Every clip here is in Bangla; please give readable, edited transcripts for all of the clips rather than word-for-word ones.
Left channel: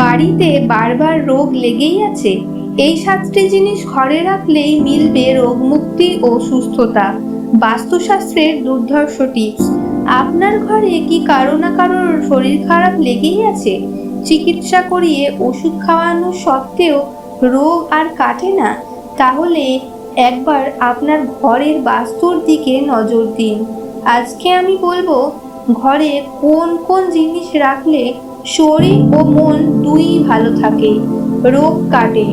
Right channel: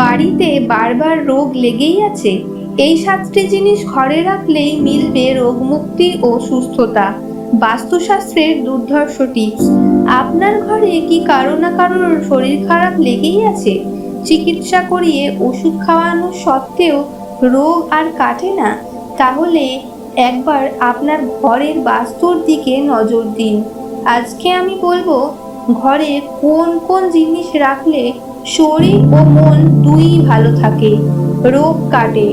বাড়িতে বারবার রোগ লেগেই আছে। এই 7টি জিনিস ঘরে রাখলেই মিলবে রোগমুক্তি ও সুস্থতা। বাস্তুশাস্ত্রের দুর্ধর্ষ টিপস। আপনার ঘরে কি কারো না কারোর শরীর খারাপ লেগেই আছে? চিকিৎসা করিয়ে ওষুধ খাওয়ানো সত্ত্বেও রোগ আর কাটে না? তাহলে একবার আপনার ঘরের বাস্তুর দিকে নজর দিন। আজকে আমি বলবো ঘরে কোন কোন জিনিস রাখলে শরীর ও মন দুই ভালো থাকে, রোগ কাটে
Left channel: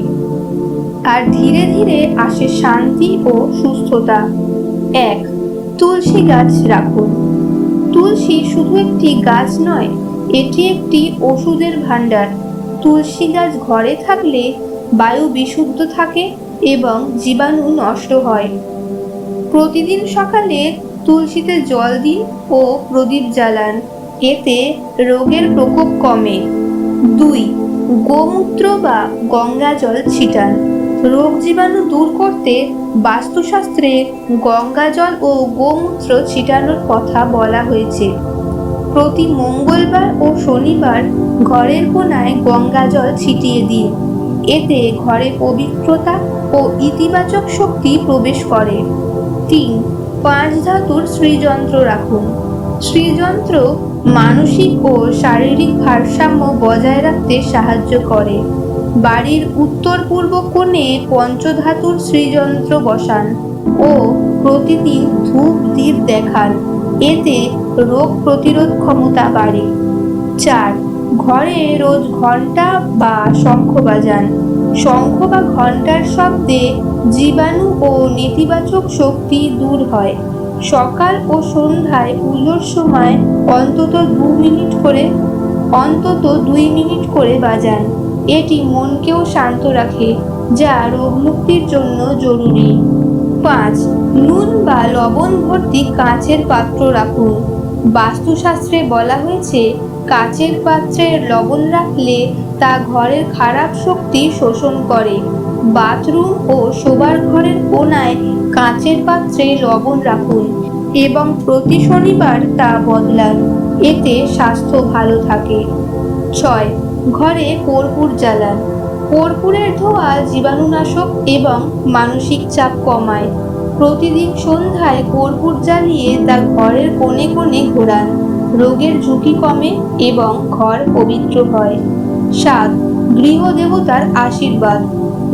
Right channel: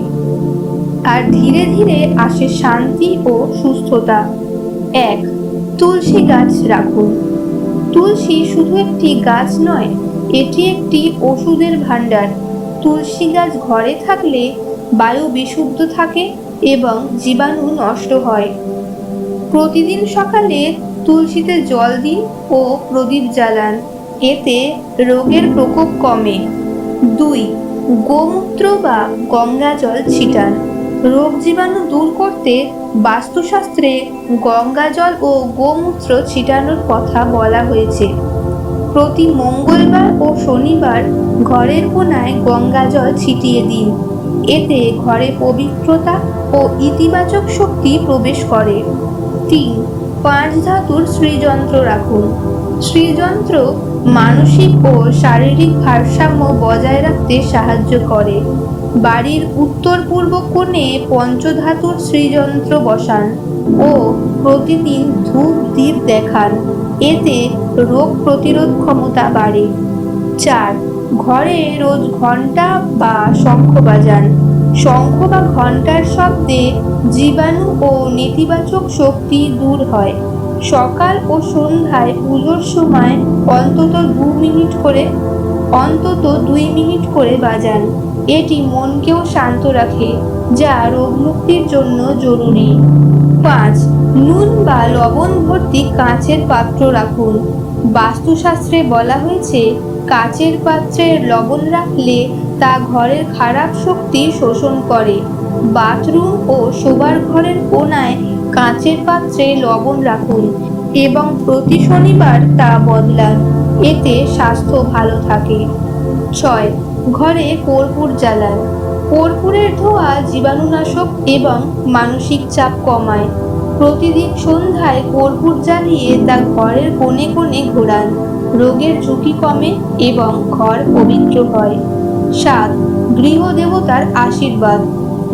আর ধীরে ধীরে আসে শান্তি ও সুস্থতা। 1. তুলসী গাছ রাখুন। তুলসী শুধু একটি গাছ নয়, এটি একটি ওষুধের ভাণ্ডার। তুলসী গাছ ঘরে থাকলে বায়ু বিশুদ্ধ থাকে এবং জীবাণু নষ্ট হয়। প্রতিদিন সকালে তুলসীতে জল দিন ও প্রদীপ জ্বালান, এতে রোগের প্রকোপ কমে। 2. গোমূত্র বা গঙ্গা জল ছিটান। রোগ জীবাণু দূর করতে বাস্তুশাস্ত্রে গঙ্গা জল ও গোমূত্র ছিটানোর কথা বলা হয়েছে। প্রতি মঙ্গলবার ও শনিবার ঘরের কোণায় গঙ্গা জল ছিটিয়ে দিন, এতে ঘরে পবিত্রতা ও ইতিবাচক শক্তি প্রবেশ করে। 3. 5 ধাতুর শ্রীযন্ত্র রাখুন। শ্রীযন্ত্র মানসিক ও শারীরিক ভারসাম্য বজায় রাখতে সাহায্য করে। বাড়ির উত্তর পূর্ব কোণে পঞ্চধাতুর শ্রীযন্ত্র বসান ও প্রতিদিন ধূপ দ্বীপ দেখান, এতে রোগ প্রতিরোধ ক্ষমতা বাড়ে। 4. ঘরে রোজ ঘণ্টা বা শঙ্খ বাজান। শঙ্খ বা ঘণ্টার শব্দে জীবাণু ও নেতিবাচক শক্তি দূর হয়। সকাল ও সন্ধ্যায় পুজোর সময় অন্তত 2 মিনিট করে বাজান। এটি মনকেও শান্ত রাখে, যা রোগমুক্তির জন্য জরুরি। 5. নুন বা লবণ ভর্তি কাঁচের পাত্র রাখুন। বাস্তুশাস্ত্রে বলা হয়েছে কাচের পাত্রে লবণ রাখলে তা ঘরের খারাপ শক্তি শোষণ করে। বাথরুম ও শোবার ঘরের কোণায় কাচের পাত্রে লবণ রাখুন এবং প্রতি শনিবার তা বদলান, এতে স্বাস্থ্য ভালো থাকে। 6. ঘরে কর্পূর জ্বালান। কর্পূরের ধোঁয়া জীবাণুনাশক এবং মানসিক চাপ কমায়। প্রতিদিন সন্ধ্যায় কর্পূর জ্বালিয়ে তা ঘরের কোণে কোণে ঘোরান, রোগের ঝুঁকি কমে এবং ঘর পবিত্র হয়। 7. গৃহদেবতার আশীর্বাদ,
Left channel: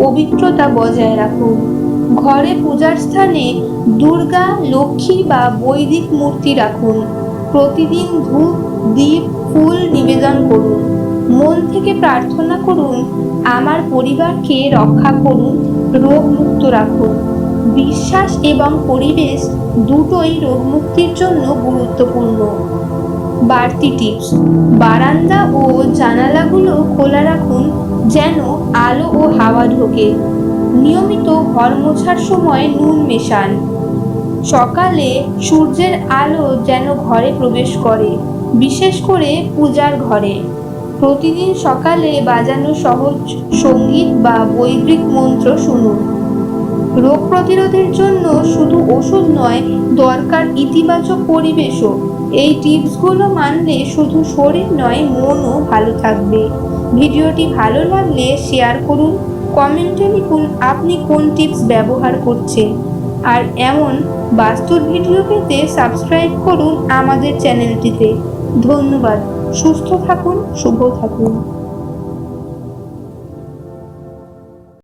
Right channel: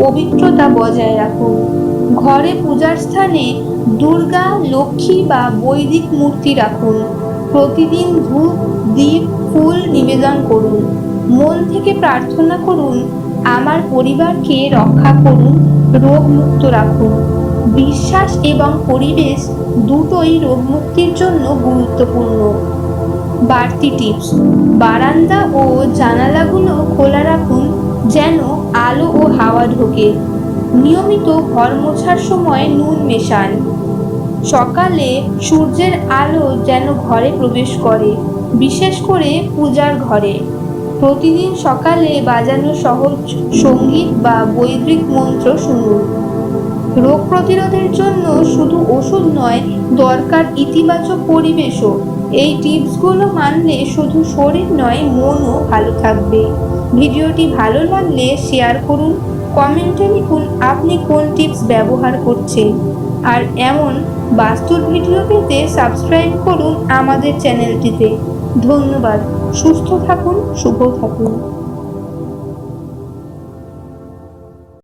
পবিত্রতা বজায় রাখুন। ঘরে পূজার স্থানে দুর্গা, লক্ষ্মী বা বৈদিক মূর্তি রাখুন। প্রতিদিন ধূপ দ্বীপ ফুল নিবেদন করুন। মন থেকে প্রার্থনা করুন, আমার পরিবারকে রক্ষা করুন, রোগমুক্ত রাখুন। বিশ্বাস এবং পরিবেশ দুটোই রোগমুক্তির জন্য গুরুত্বপূর্ণ। বাড়তি টিপস। বারান্দা ও জানালাগুলো খোলা রাখুন যেন আলো ও হাওয়া ঢোকে। নিয়মিত ঘর মোছার সময় নুন মেশান। সকালে সূর্যের আলো যেন ঘরে প্রবেশ করে, বিশেষ করে পূজার ঘরে। প্রতিদিন সকালে বাজানো সহজ সঙ্গীত বা বৈদিক মন্ত্র শুনুন। রোগ প্রতিরোধের জন্য শুধু ওষুধ নয়, দরকার ইতিবাচক পরিবেশও। এই টিপসগুলো মানলে শুধু শরীর নয়, মনও ভালো থাকবে। ভিডিওটি ভালো লাগলে শেয়ার করুন, কমেন্টে লিখুন আপনি কোন টিপস ব্যবহার করছেন। আর এমন বাস্তুর ভিডিও পেতে সাবস্ক্রাইব করুন আমাদের চ্যানেলটিতে। ধন্যবাদ। সুস্থ থাকুন, শুভ থাকুন।